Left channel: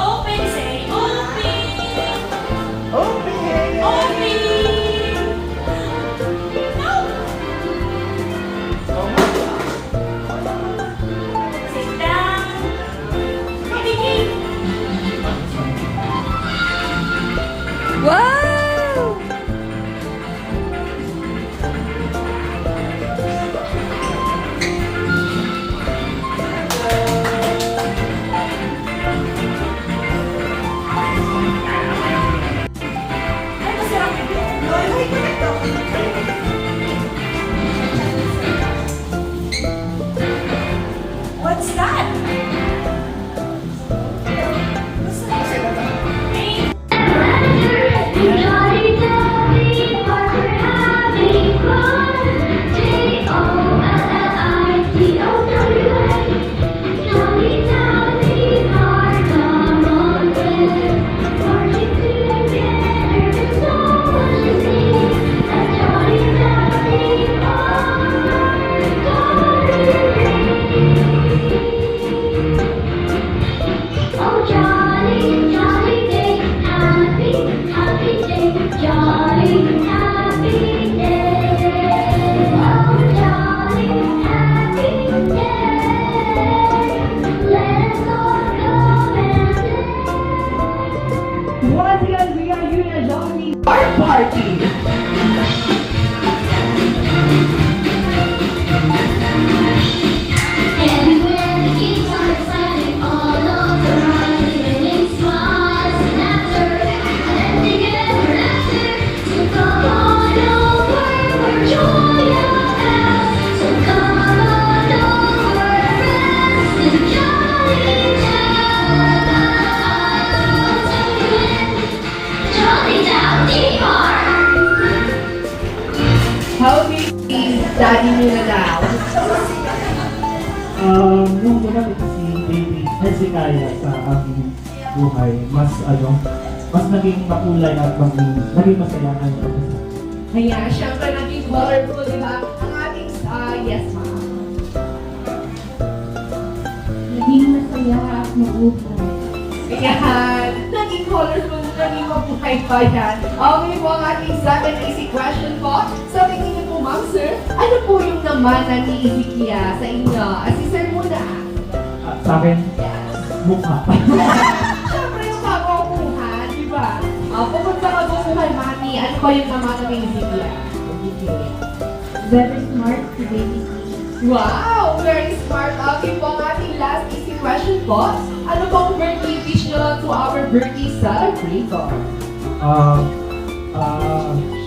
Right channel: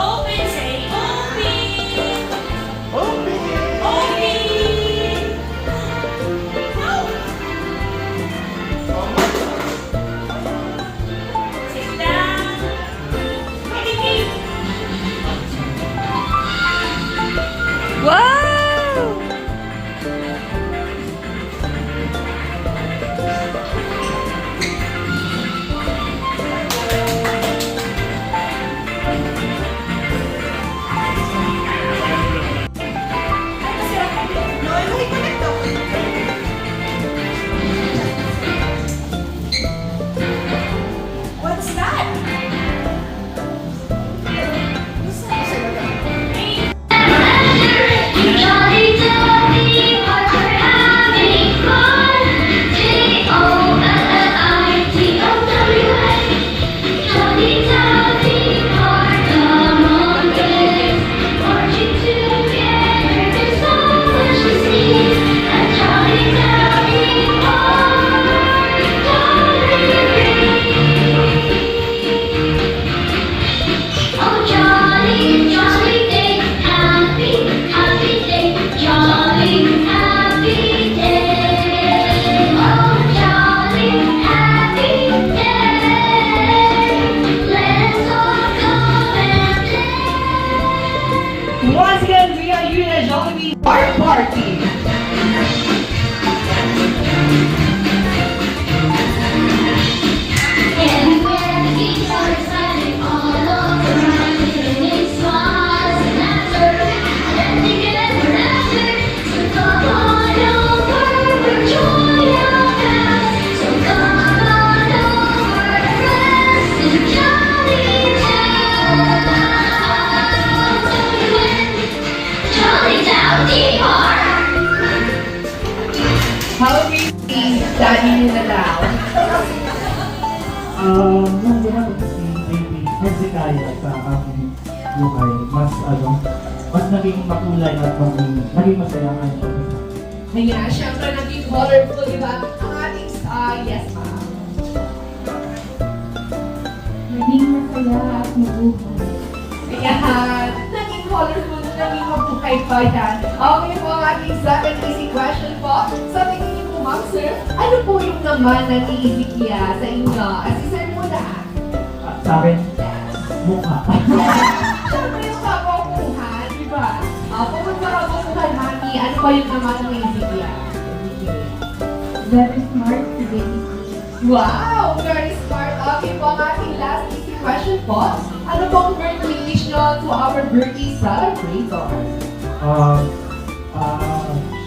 Open, say open. Open! Open. No. Oh my God. Sit down. Ready? Wow! Ay, masarap ka din. No, I like it. What's that? Jolly, jolly, we're having fun. J-O-L-L-I-T-O-W-S. Jolly, jolly, come on, kids. Marching together, there's so much to see. A jolly, jolly Oh, jolly, jolly day, happy, happy day, jolly, happy day. Oh, jolly, happy day. Let's all come and play. Once again, we are here at Jollibee Art Party. Everywhere the kids are excited, all over they smiles and laughter, and together after. So come on over, we're joy of us. So come on over, rest in jolly Jolly Jolly Park. How is daddy nyo na daw? Nung ginamit si baby, ay si Kaya sa aking buhay, mas naging makulay at naging masaya ang kanyang umpisa. Ayan, syempre naging colorful, di ba? Ang ating, yes ma'am. Naging masaya at mabuhay. Ayan, naging colorful, naging mabuhay pa yan. Okay po ang ating second easy question po. Sa tingin niyo po, ma'am sir, ano po yung naman na niisikiya sa inyo? Si sir muna. Sa akin, mukha. Siyempre yung kagukuhan, di ba? Pagod sa kagukuhan, mami, ano ba yung naman na niisikiya? Very smart si baby. Wow! Very smart. Okay po ang ating last easy question po. Ano pong birthday wish nyo to our birthday celebrator?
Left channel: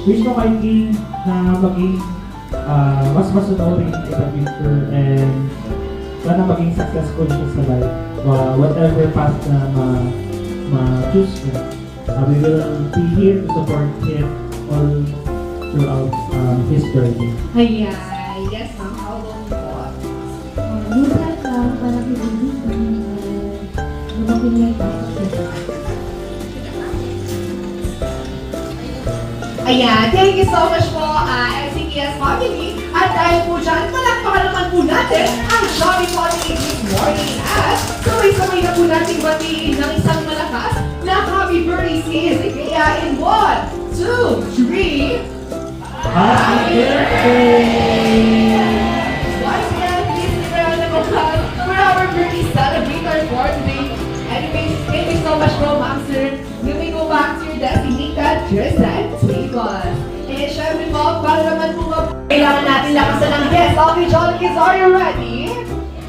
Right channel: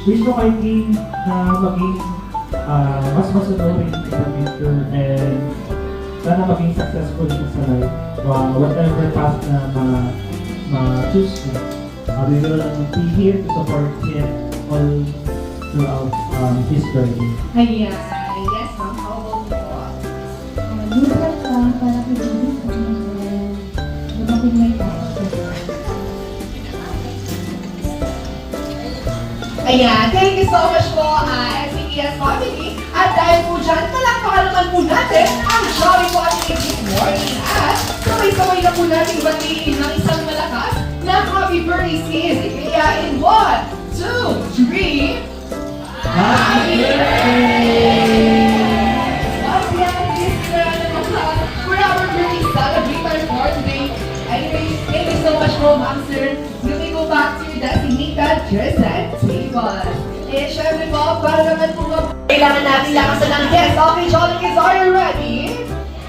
Wish ko kay King na maging mas masunurin in the future and sana maging successful siya sa life. Whatever path na ma-choose ko. We will be here to support him all throughout his journey. Ayan. Yes, ma'am. How about po? Lukat ka para kailangan sa dumating na yung pasok. Ayan. Thank you so much po, MCTS family. At dahil po dyan, palakpakan naman po natin ang Jolly Holiday this morning. At sabay-sabay na po natin batiin ng isang malakas na happy birthday si Ezekiel in 1, 2, 3. Happy birthday! Once again, this is a round of applause for our birthday celebrator for today. Anyways, thank you so much po, ma'am sir. You may go back to your designated present table. Eh, syempre po, para naman po kailangan natin lakasan ng guest. Okay, Jolly Kids, are you ready?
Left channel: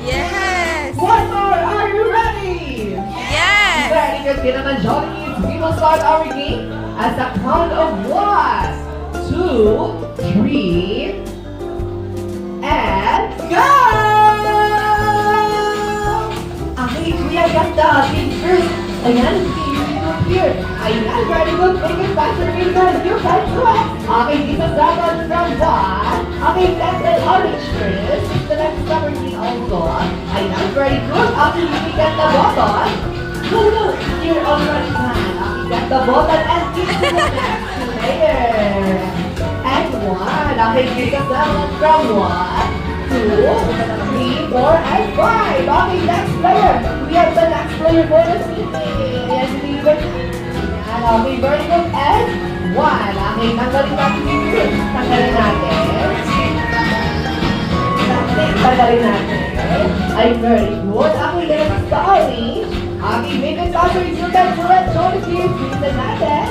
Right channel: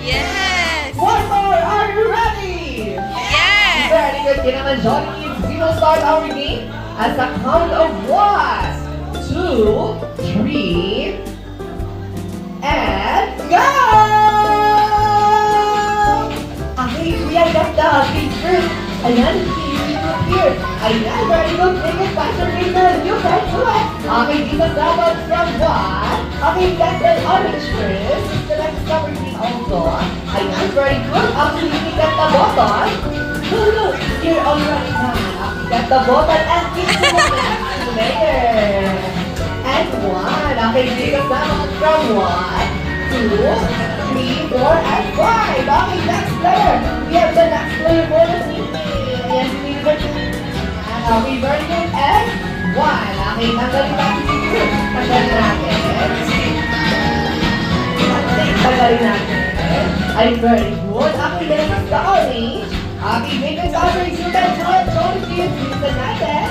Yes! One more, are you ready? Yes! Very good, kaya naman Jolly Kids, we will start our game at the count of 1, 2, 3, and go! Okay, Kuya, ganda. Okay, first. Ayan, you look here. Ayan, very good. Take it back to Raven. You can do it. Okay, give us that one from 1. Okay, that's an orange first. The next number is also. Ayan, very good. After you get the bottle. Look, you're already done. Okay, get the bottle and give to the next layer. And 1. Okay, give us that one from 1. 3, 4, and 5. Okay, next player. We have the next player for this evening. Ayan, si Weaver. Okay, very good. And 1. Okay, tanggalin natin dito. Tanggalin natin. Tanggalin natin. Ay, very good. Okay, next the orange. Okay, make it orange. You can do it. Show it to you. Tingnan natin.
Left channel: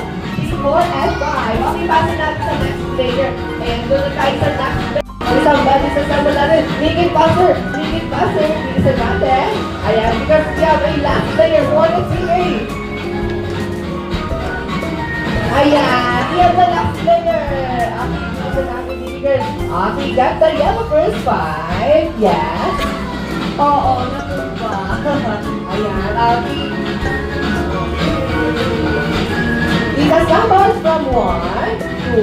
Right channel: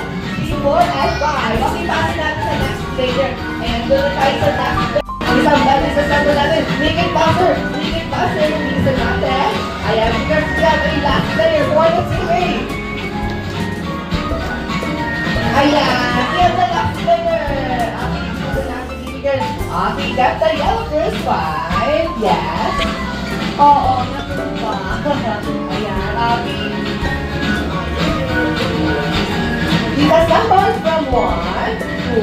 4 and 5. Okay, pasin natin sa next player. Ayan, doon tayo sa next player. Isang balik sa sabo natin. Make it faster. Make it faster. Tingnan natin. Ayan, because we have a last player for the team. Ayan, we have the last player. Okay, tingnan natin dito. Okay, got the yellow first 5. Yes. Oo, natuwa. Ayan, okay. It has numbers from 1, 2,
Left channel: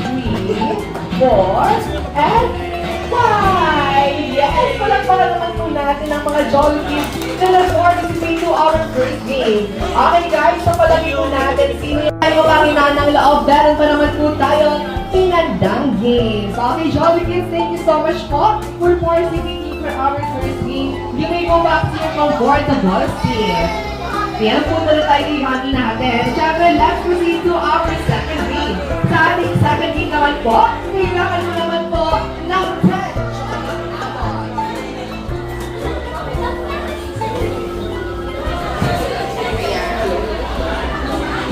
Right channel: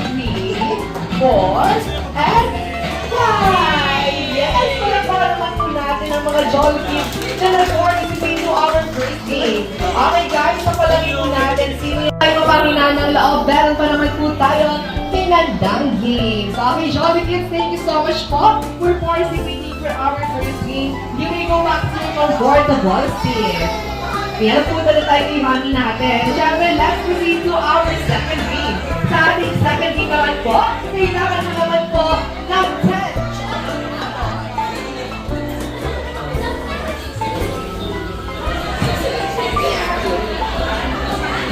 3, 4, and 5! Yes! Palagpakan naman po natin ang mga Jolly Kids na nag-participate to our first game. Okay guys, so palagi po natin sino yung tayo mapangina ng loob. Meron pa naman po tayong pinandang games. Okay, Jolly Kids, thank you so much po for participating for our first game. You may go back to your board the ball stick. Yan po na tayo ihangin natin. Siyempre, let's proceed to our second game. Sa ating second game naman po, kailangan na naman po ng 10.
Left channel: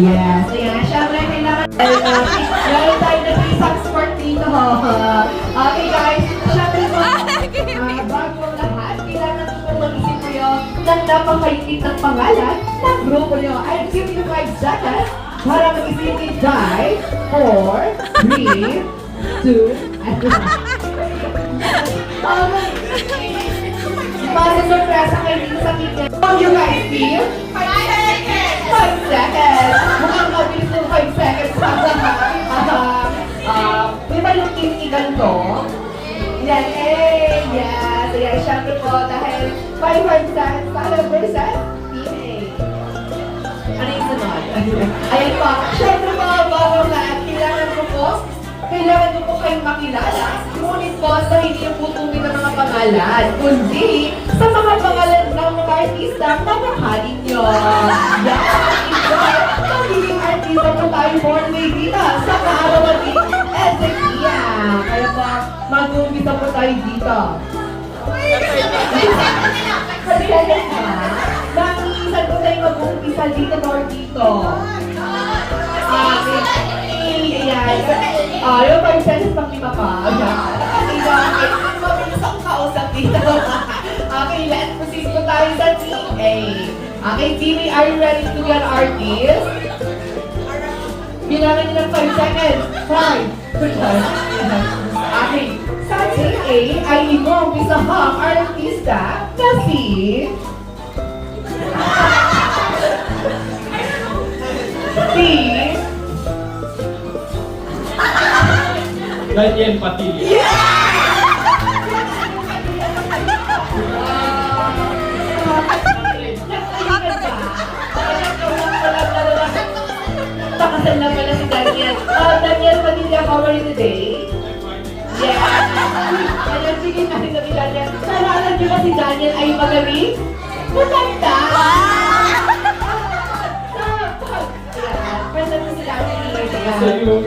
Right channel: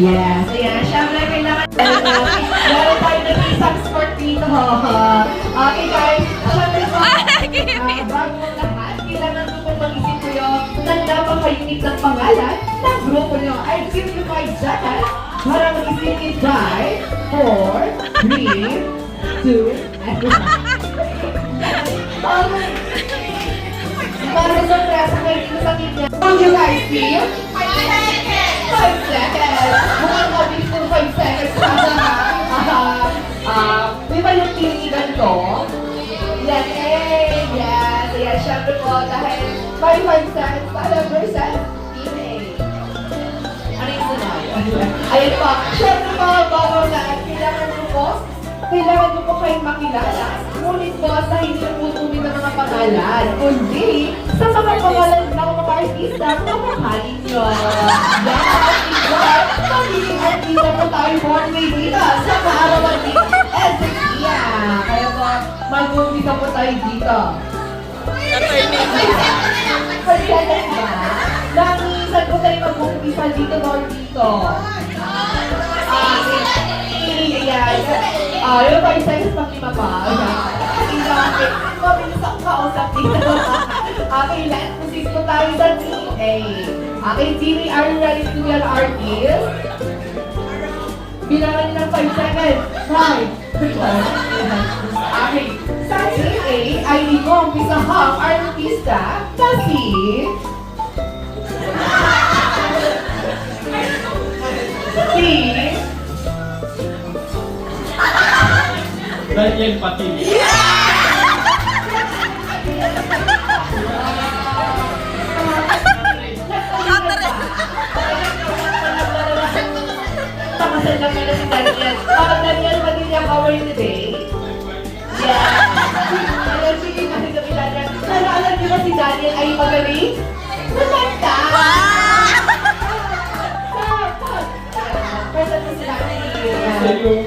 Yes, ayan. Siyempre, kailangan meron tayo ng isang sport dito. Okay guys, siyempre po, bago lahat, kailangan po po mag-isip kayo ng napaka-unique ng pangalan ng grupo nyo. I'll give you 5 seconds para mag-isip in 5, 4, 3, 2, and 1. Okay. Para sorpresa kayo dito sa team nyo. How you guys feel? 5 seconds! Mukhang mabilis ng 5 seconds. Di ba yung team ni ganito? Yan, yes. Ayan, syempre po, dahil 5 seconds, tayo versus team A. Ano yung sunod? Ayan po, syempre po, bago na, kailangan ko po kayong makilala. Ngunit po, sa hindi na po tunay na mga pangalan, kundi sa mga pangalan ng mga artista, mamahalin nyo. Yes, ikaw, magiging artista po tayo for may dito sa kaarawan ni Ezekia. Kaya po, mag-umpisa po tayo dito. Pagkakas na, nangisan po tayo mag-umpisa dito or dito. Yung 5 seconds pang lima pa. Mabilis ang kausap dito. Okay, let's proceed po tayo sa team A. Okay, team A, are you ready to be an artist? Bilangan niyo ng 5 seconds. 5. Okay, sa team A, ay limong isahang artista na si... Daniel Patili. Pakasal naman na si Daniel. Daniel Padilla, how are you today? Yeah. Alam, sige na si Daniel. Sana alam niyo na si Daniel ay magaling? Maganda! Present si Daniel.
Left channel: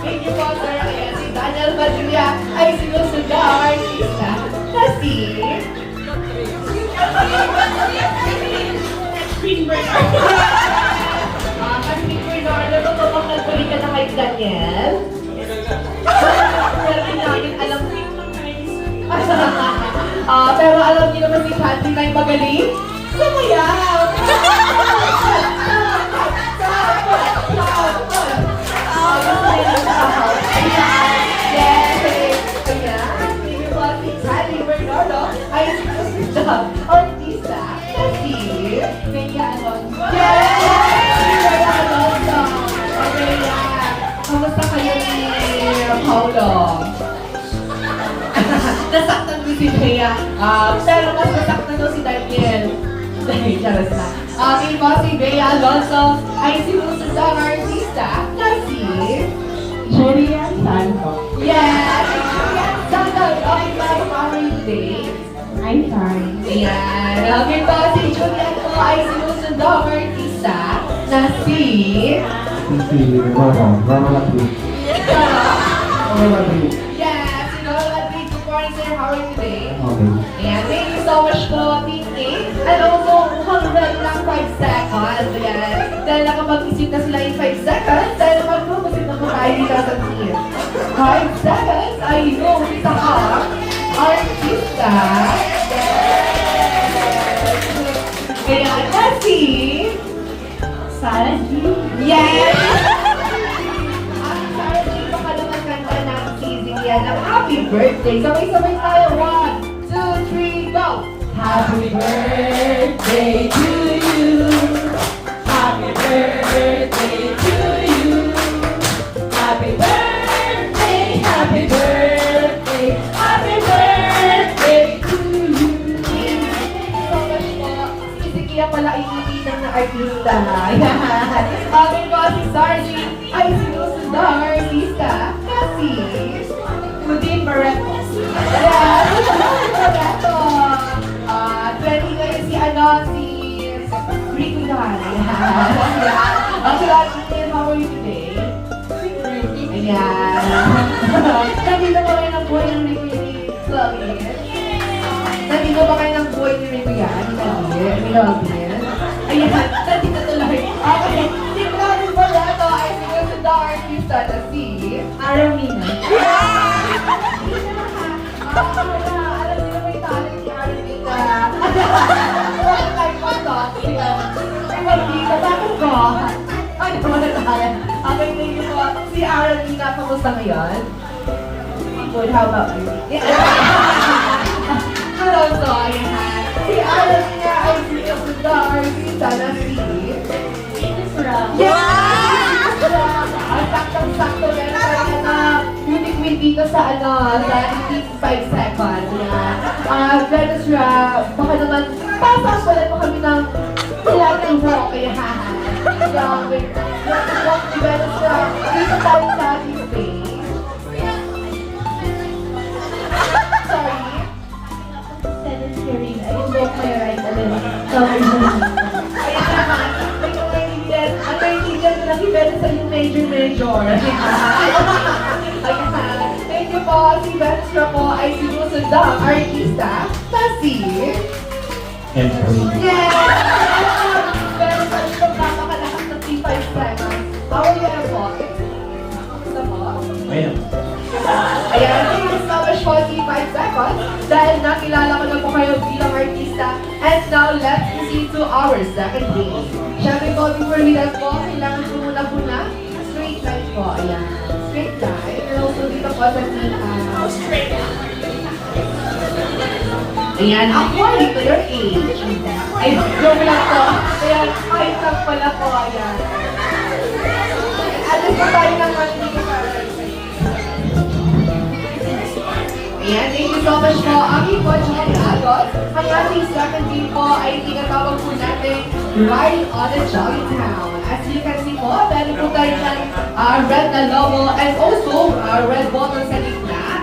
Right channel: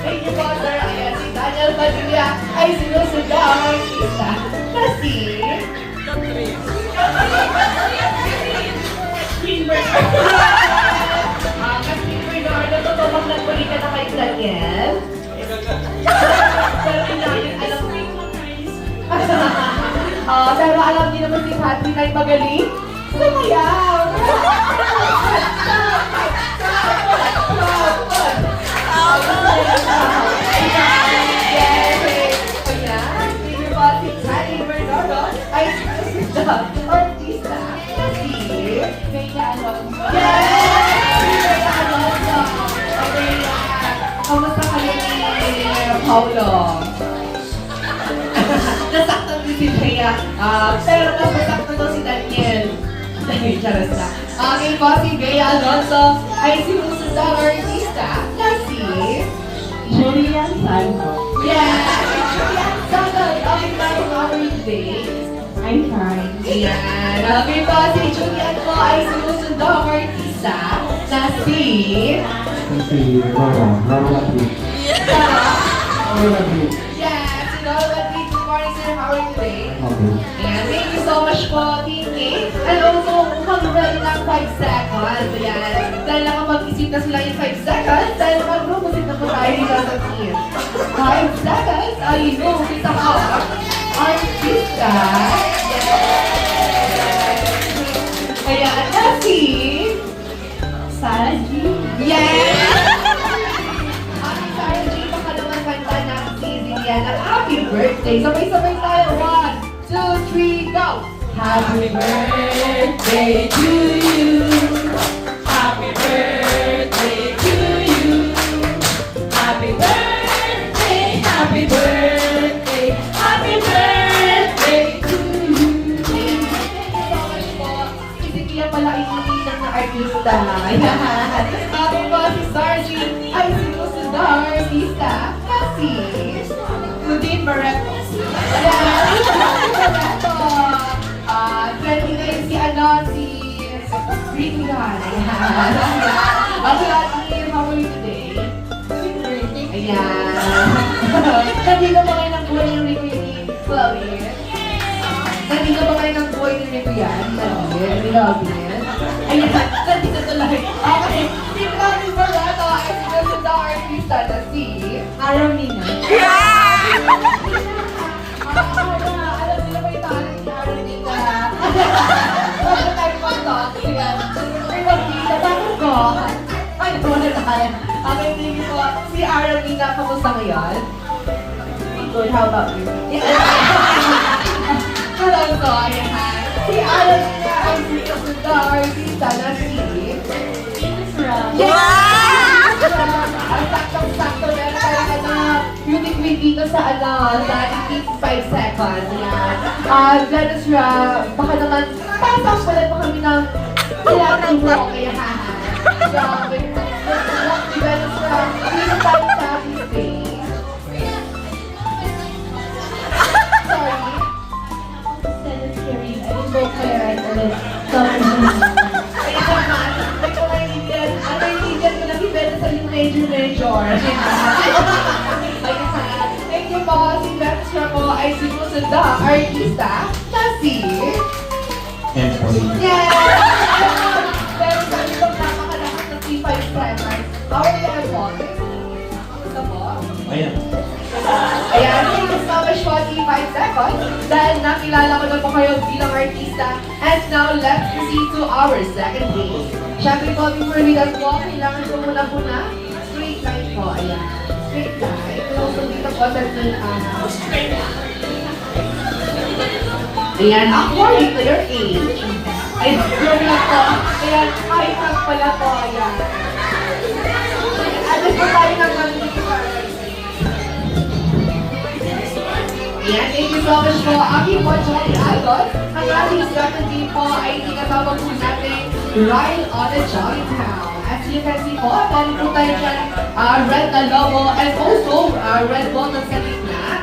Thank you po, sir. Ayan, si Daniel Padilla ay sinusunod ang artista na si... Greenberg. Kasi Greenberg, natutulong na tuloy ka na kay Daniel. Pero namin alam pero alam niyo naman si Patty na yung magaling. Sumayaw! Ay, artista na si Bea Alonso. Okay, kamusta kayo ni Paulo? Nasaktan ko si Bea. Pero mas nasaktan ko si Daniel. Charas na. Okay po, si Bea Alonso ay sinusunod ang artista na si Julian Santos. Yes! Julian Sandal, okay ba yung our day? I'm fine. Ayan. Okay po, si Julian po ay sinusundong artista na si... Si Norma Latriz. Norma Latriz. Yes, si Lola Latriz. Good morning, sir. How are you today? Okay. Ayan, thank you so much po, Team K. And also, hanggang lang 5 seconds. Ayan. Dahil nakapag-isip na sila in 5 seconds, dahil mag-group na po tayo dito sa team. 5 seconds ay yung pitaka artista. Ayan, na si... Sarah G. Yes! Ang Sarah G, pakalungan kanta ng si Lilian ng Happy Birthday. Sabay-sabay tayo. 1, 2, 3, go! Happy birthday to you. Happy birthday to you. Happy birthday, happy birthday, happy birthday to you. Thank you so much po. Kasi kaya pala iniitan na artista. Okay po, si Sargy ay sinusundang artista na si Claudine Barreto. Yes, Barreto. Trending ngayon si Ricky Han. Okay, Claudine, how are you today? Ayan. Nandito ba kayo ng buhay ng Ricky ni Claudine? Nandito ba kayo ng buhay ni Ricky yan? Claudine? Ayan, nandito tuloy. Okay, si Claudine Barreto ay sinusundang artista na si Aramina. alam nila may talent si Aramina. Bakit tayo mag-talk? Ayan. Ikaw dito, bakit ko? Ano na talent? Okay, thank you po. Si Aramina, kamusta ngayon? Good, how about you? Good also, ayan. Si Aramina ay sinusundang artista na si... Ang saktong-sakto meron tayo beauty queen dito sa sa 5 seconds. Yan. Dennis Ra, baka naman, pasasalan mo kami ng ilan ng walk. Kaya walk ni Dennis Ra, dito tayo sa ating space. Sorry. Dennis Carey. I invoke my right a little. Ayan naman, may kumaintindihan. Ang naiintindihan ko lang si Bella sa yung major. Thank you po, si Betsra po ay sinusundang artista na si... Yes! Pero sa itong napakalakas na T5 seconds. How are you na po? Kamusta po? Ayan. Ayan, thank you so much po, T5 seconds. Dahil nakilala ko na po kayo bilang artista. And now, let's proceed to our second game. Siyempre po, before we start po, kailangan ko muna po na straight line po. Ayan, straight line. Pero so dito po sa straight line. Ayan, according to your age. Ay, joke lang po. Ayan, high five pala po. Ayan. Alas po tayo ng Ayan, thank you so much po. Aking po, Johnny Agot. Ang ating second team po ay tinatawag po natin Ride on a Jolly Town. As you can see po, dahil po tayo dyan, red na logo and also red button sa gitna.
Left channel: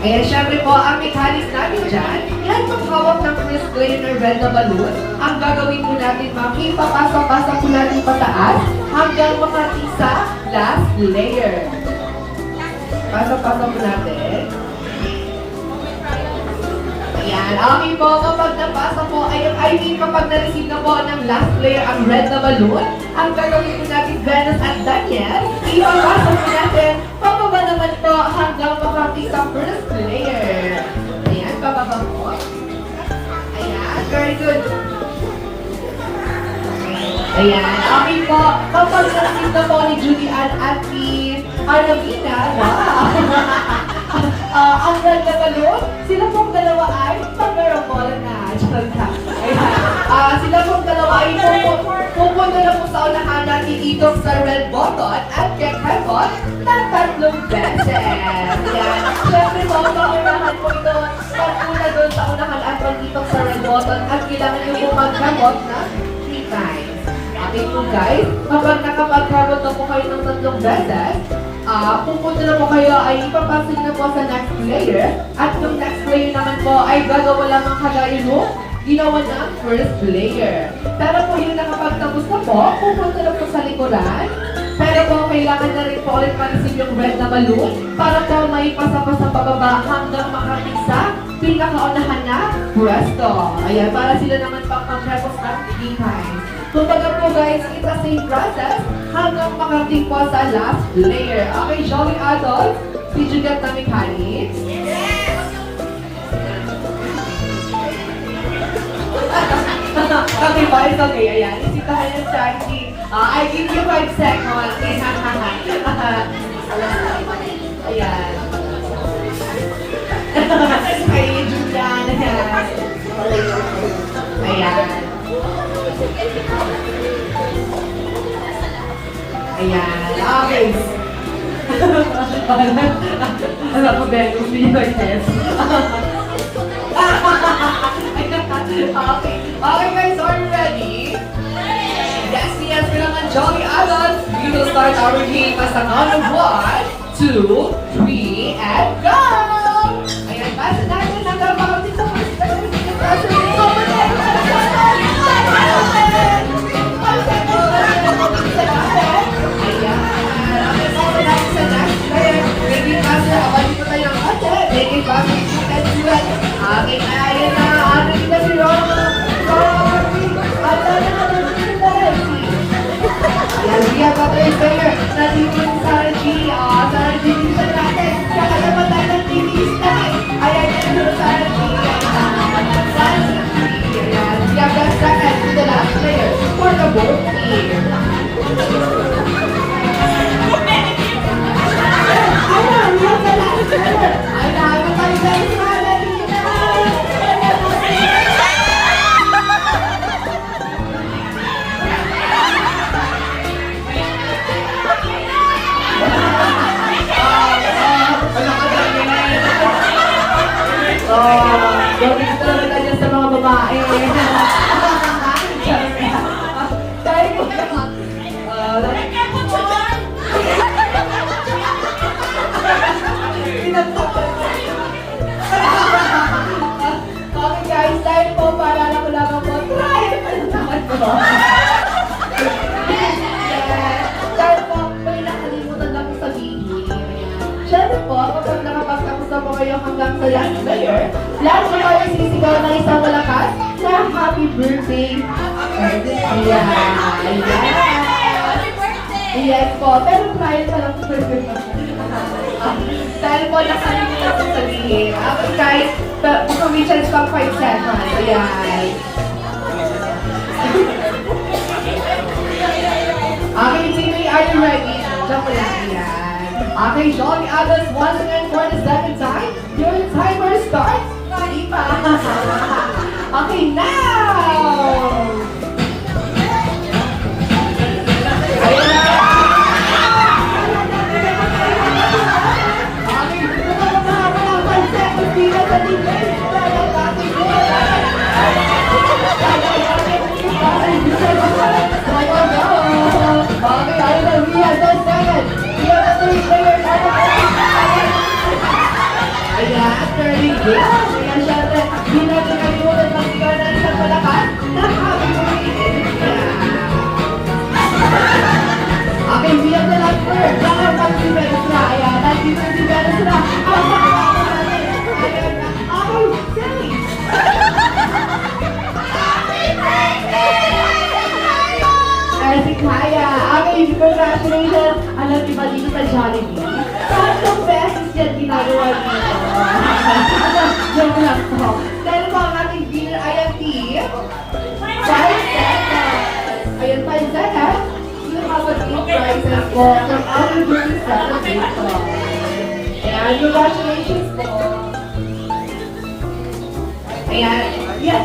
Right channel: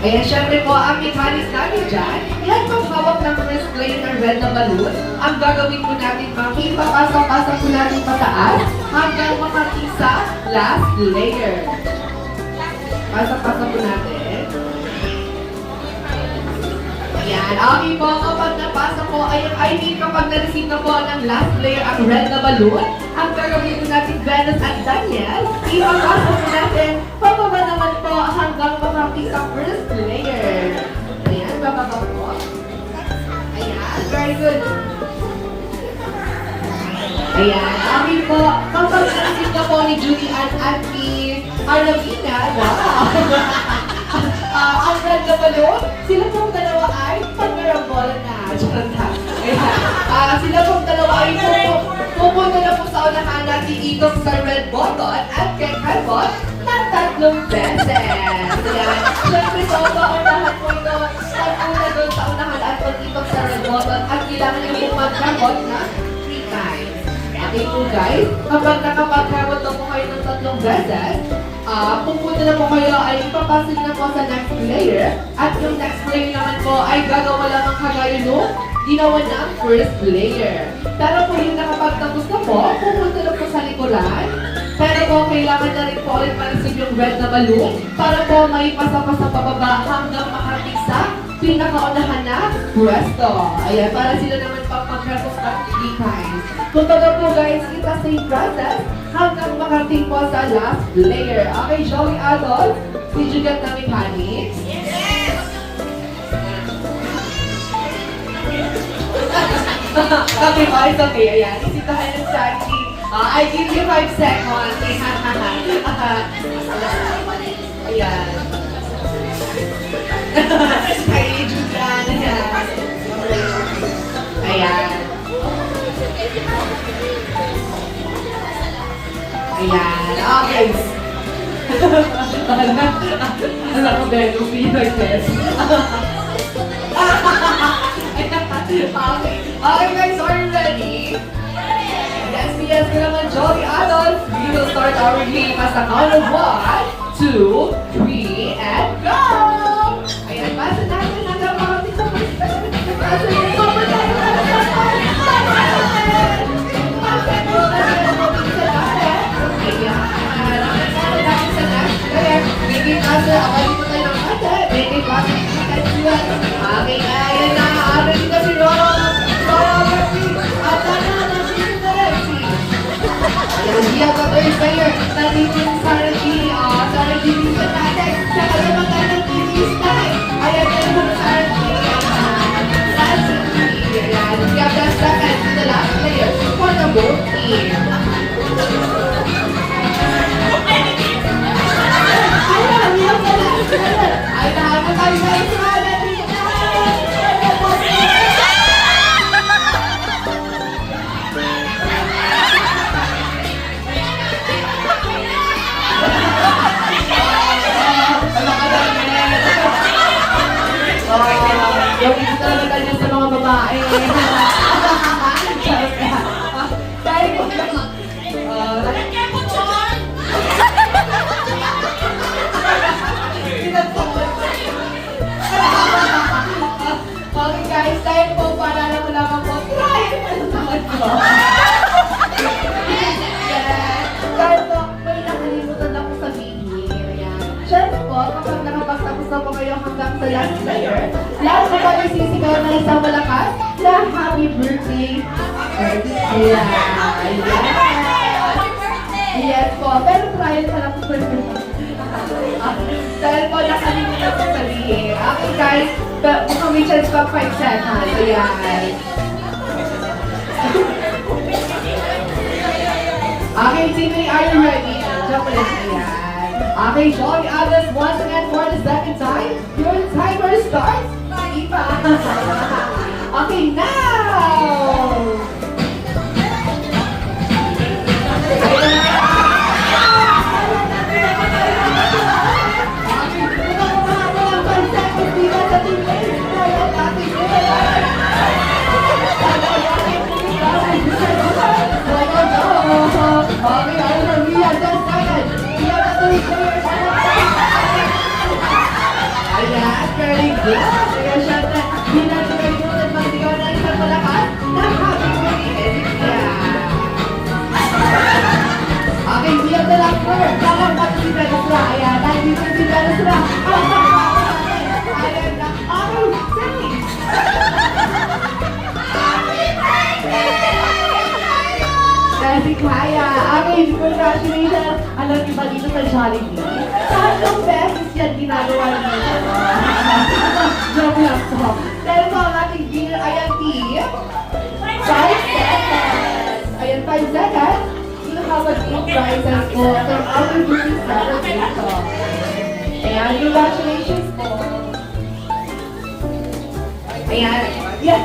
Ayan, syempre po, ang mechanics natin dyan, yan pong hawak ng first plane na red na balloon. Ang gagawin po natin, makipapasok-pasok po natin pataas hanggang makating sa last layer. Pasok-pasok po natin. Ayan, okay po, kapag napasa po, I mean, kapag na-receive na po ng last layer ang red na balloon, ang gagawin natin Venus at Daniel, ipapasok natin, pababa naman po hanggang makating sa first layer. Ayan, bababa po. Ayan, very good. Ayan, okay po, kapag na-receive na po ni Julie at ni Arnavina, ang red na balloon, sila pong dalawa ay pagkarambola na. Ayan. Sila pong dalawa ay pupunta na po sa unahan natin dito sa red button at kay Kevon ng 3 beses. Ayan. Siyempre po, sa unahan po ito, pag-una doon sa unahan at pag-itok sa red button at kailangan nyo po mag-kabot na 3 times. Okay po guys, kapag nakapag-kabot na po kayo ng 3 beses, pupunta na po kayo ay ipapasok na po sa next player. At yung next player naman po ay gagawa lamang kagaya nung ginawa ng first player. Pero po yung nakapagtapos na po, pupunta na po sa likuran. Pero po, kailangan na rin po ulit ma-receive yung red na balloon para po may pasa sa pababa hanggang makating sa pinakaunahan na pwesto. Ayan, para sila naman pang mag-repos ng 3 times. Kumbaga po guys, it's the same process hanggang makating po sa last player. Okay, Joey Adolf, did you get the mechanics? Okay, boys, okay. Ayan, isitahan yung strategy. I give you 5 seconds. Ayan. Kay Julian. Ayan. Ayan. Okay. Alam ko din, kung hindi ko test. Okay guys, are you ready? Yes, yes, good naman, Jolly Adults. We will start our game as a count of 1, 2, 3, and go! Ayan, basta natin ang dalawang dito. Okay, ayun na. Ano dito si Ronald? Ayan, siya ka third player. Nandito yung Sarah G. Sarah G. Dito natin. Saka naman tayo ng TV style. Ayan, yan ang Sarah G. Sarah G. Ayan, siya ka second to the last player for the both team. Ay, nahaga tayo guys. Yung gusto na tayo sa mga babae. Dahil po okay guys, dahil po para na wala ka po. Try! Dahil po, may nakalimutan ako sabihin. Siyempre po, kapag nakapagtapos na po kayo hanggang sa last player, last na po isisigaw na isang malakas na happy birthday. Ayan. Yes po, pero tayo na lang po dahil po nakalimutan ko sabihin. Okay guys, mukhang may chance pa 5 seconds. Ayan. Okay, Timmy, are you ready? Jump lang. Ayan. Okay, Johnny Abbas, once again for the second time. Your timer starts. Ita. Okay, now! Okay, we have the last word. Bakit pag-ibig sila? Ayan, nandito si Gana sila. Ayan na. Oh, silly! Si Kaya. Okay, congratulations. Alam niyo ba dito sa Jollibee? 3 beses yan ginagawa dito. Joke lang po. Dahil po ang ating winner ay ang team. 5 seconds. Ayan, 5 seconds. You have an 8 prizes po from our group celebration. Ayan, congratulations po. Ayan. Yeah,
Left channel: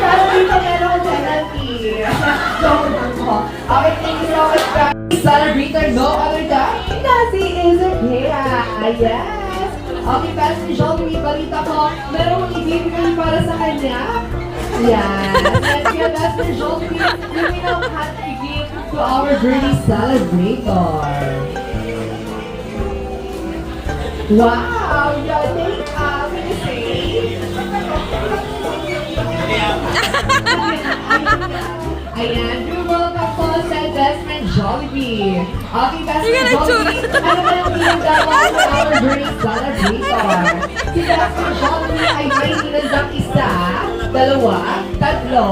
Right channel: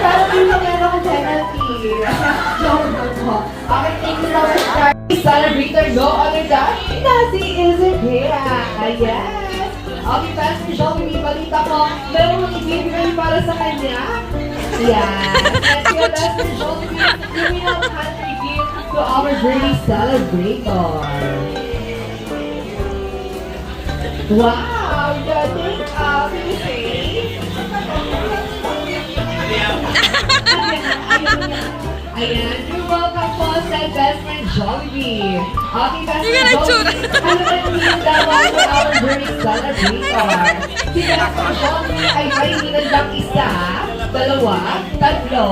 pero dito meron penalty. Joke lang po. Okay, thank you so much, guys. Celebrator, no other than Nasi Isabela. Yes. Okay, guys, si Joey, balita ko, meron ibibigay para sa kanya. Yes. And kaya guys, si Joey, we will have to give to our birthday celebrator. Wow, Yannick, can you say? Ayan, you're welcome po sa best friend Jollibee. Okay, best Hindi ka friend Jollibee. Ano ba yung tindawa for our birthday celebrator? Si best friend Jollibee ay may tinandang isa, dalawa, tatlo,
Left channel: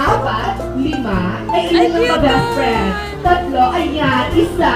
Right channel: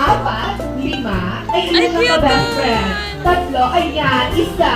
apat, lima, ay Ay, ilan na cute best naman. friend. Tatlo, ayan, isa,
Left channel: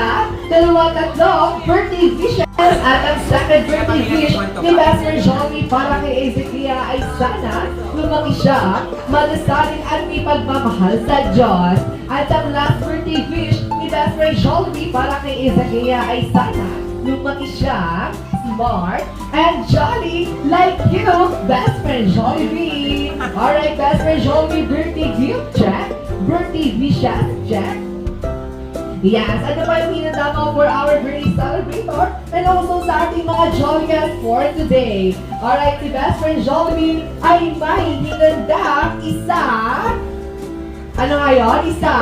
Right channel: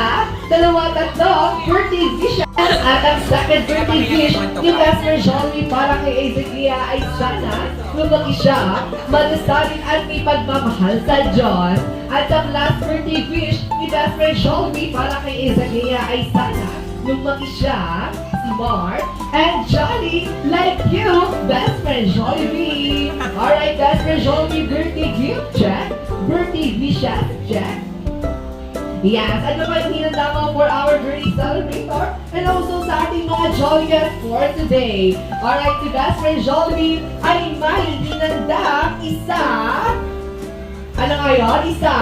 dalawa, tatlo, birthday wish. At ang second birthday wish ni best friend Jollibee para kay Ezekiel ay sana lumaki siya, malasalin at may pagmamahal sa Diyos. At ang last birthday wish ni best friend Jollibee para kay Ezekiel ay sana lumaki siya, smart, and jolly like you, best friend Jollibee. Alright, best friend Jollibee, birthday gift, check. Birthday wishes, check. Yes, ano pa yung hinanda mo for our birthday celebrator and also sa ating mga Jolliest for today. Alright, si best friend Jollibee ay may hinanda isa. Ano nga yun? Isa?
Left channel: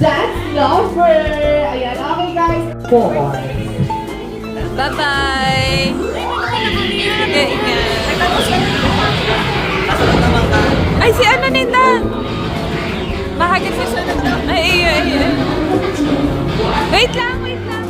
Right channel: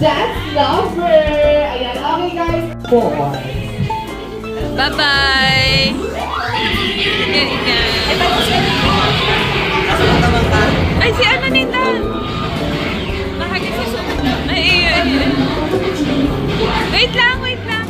Dance lover. Ayan, okay guys. 4. Bye-bye. Ay, si ano nita? Bahagi si sunod. Ay, ayun. Wait lang, wait lang.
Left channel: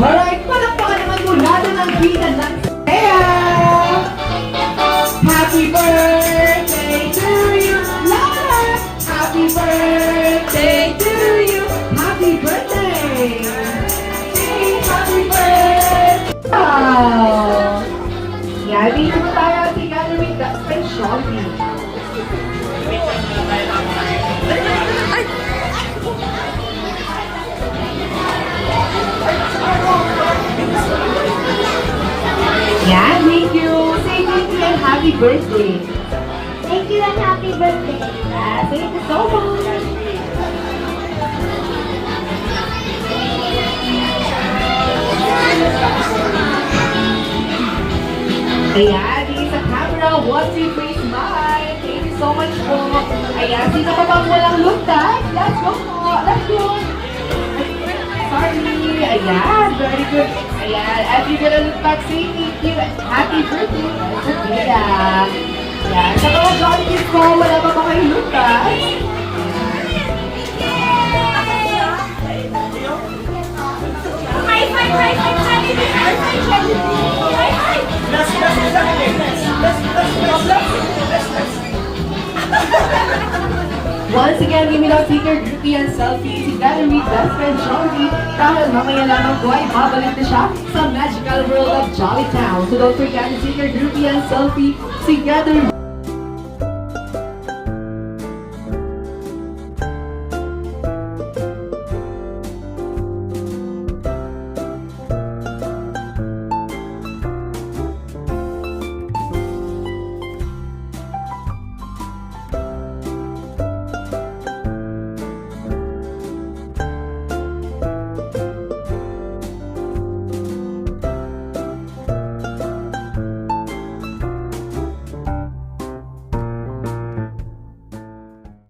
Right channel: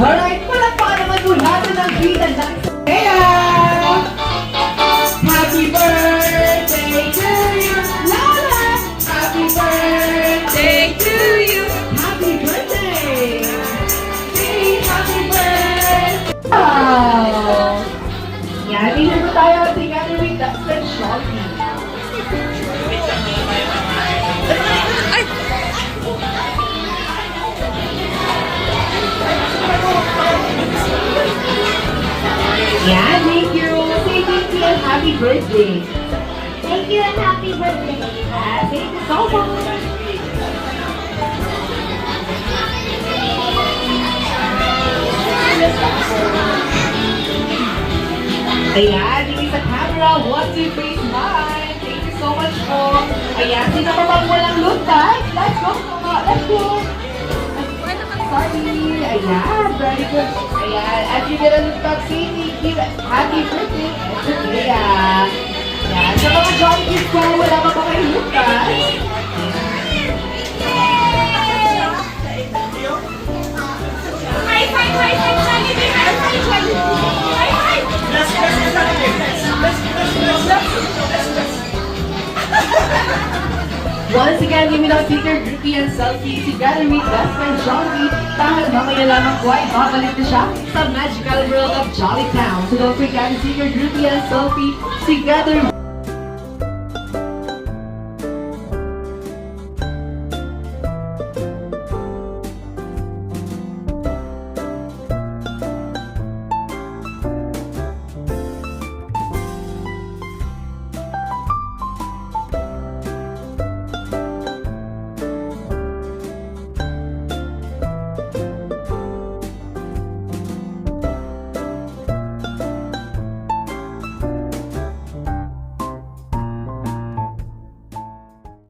Alright, palakpakan naman mula ng bilan ng Kaya! Happy birthday to you, Lala! Happy birthday to you! Happy birthday! Hey, happy birthday! Wow! Yan, dito na tayo together with the friend Shopee. Ay! Yeah, thank you. Say thank you and happy birthday. Thank you and happy birthday. Thank you so much. Ayan, tingin sa camera. What's your face smile? Thank you so much po. Ayan, sino pa bang walang look tag? Let's go po. Let's go. Sorry. Ayan, very good. Ayan, as you get a look tag, say thank you. Happy birthday. Ayan. Ayan, sa mga jolly kids ko, wala pa po kayo look tag. Once again, give me the sticker, groupie, and selfie together with best friend Jollibee. Dahil mamaya lamang po ay babalik na siya sa magical world of Jolly Town. So don't forget to sticker, groupie, and selfie together.